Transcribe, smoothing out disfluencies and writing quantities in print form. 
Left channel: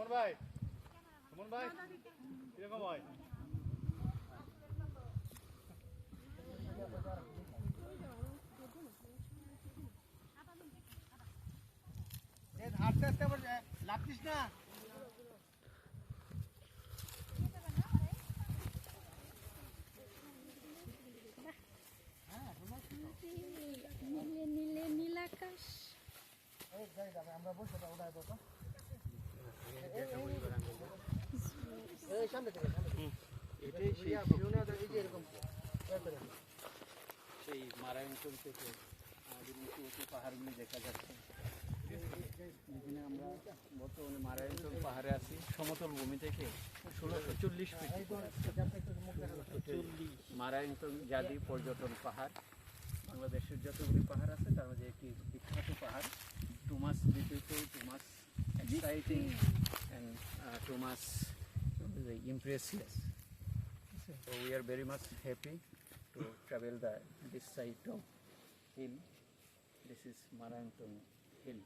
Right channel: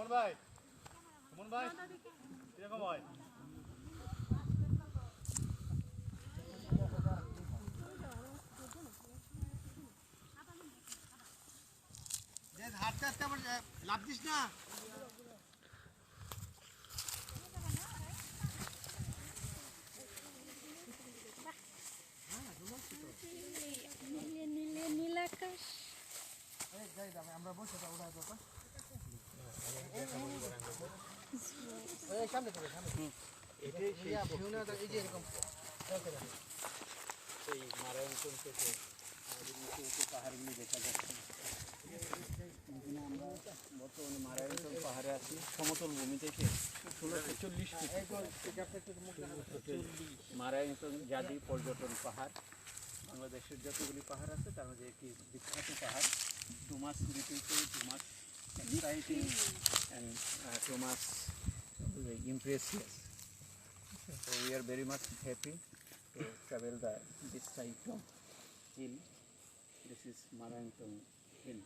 সুমন ভাই, সুমন ভাই, কিরকম হয়? হাঁটতে হাঁটতে আবার লাভ দিস না। আমরা বসে ওটা সামনে থেকে এই যে এরকম সেই মারায়ণ থেকে আমাদের উঁচু উঁচু পাহাড়গুলি দেখা যাচ্ছে। এখানে আমরা বর্তমানে মারায়ণ পাহাড়ে আছি, সমতল ভূমি থেকে 1640 ফিট মারায়ণ জাতি পর্যটন পাহাড়। বাংলাদেশের যতগুলি পাহাড় আছে তার মধ্যে একটি বিখ্যাত পাহাড়, too much beautiful, too much exciting and too much impressive. So we are very much happy to travel this side of hill. This is Marangtong Hill.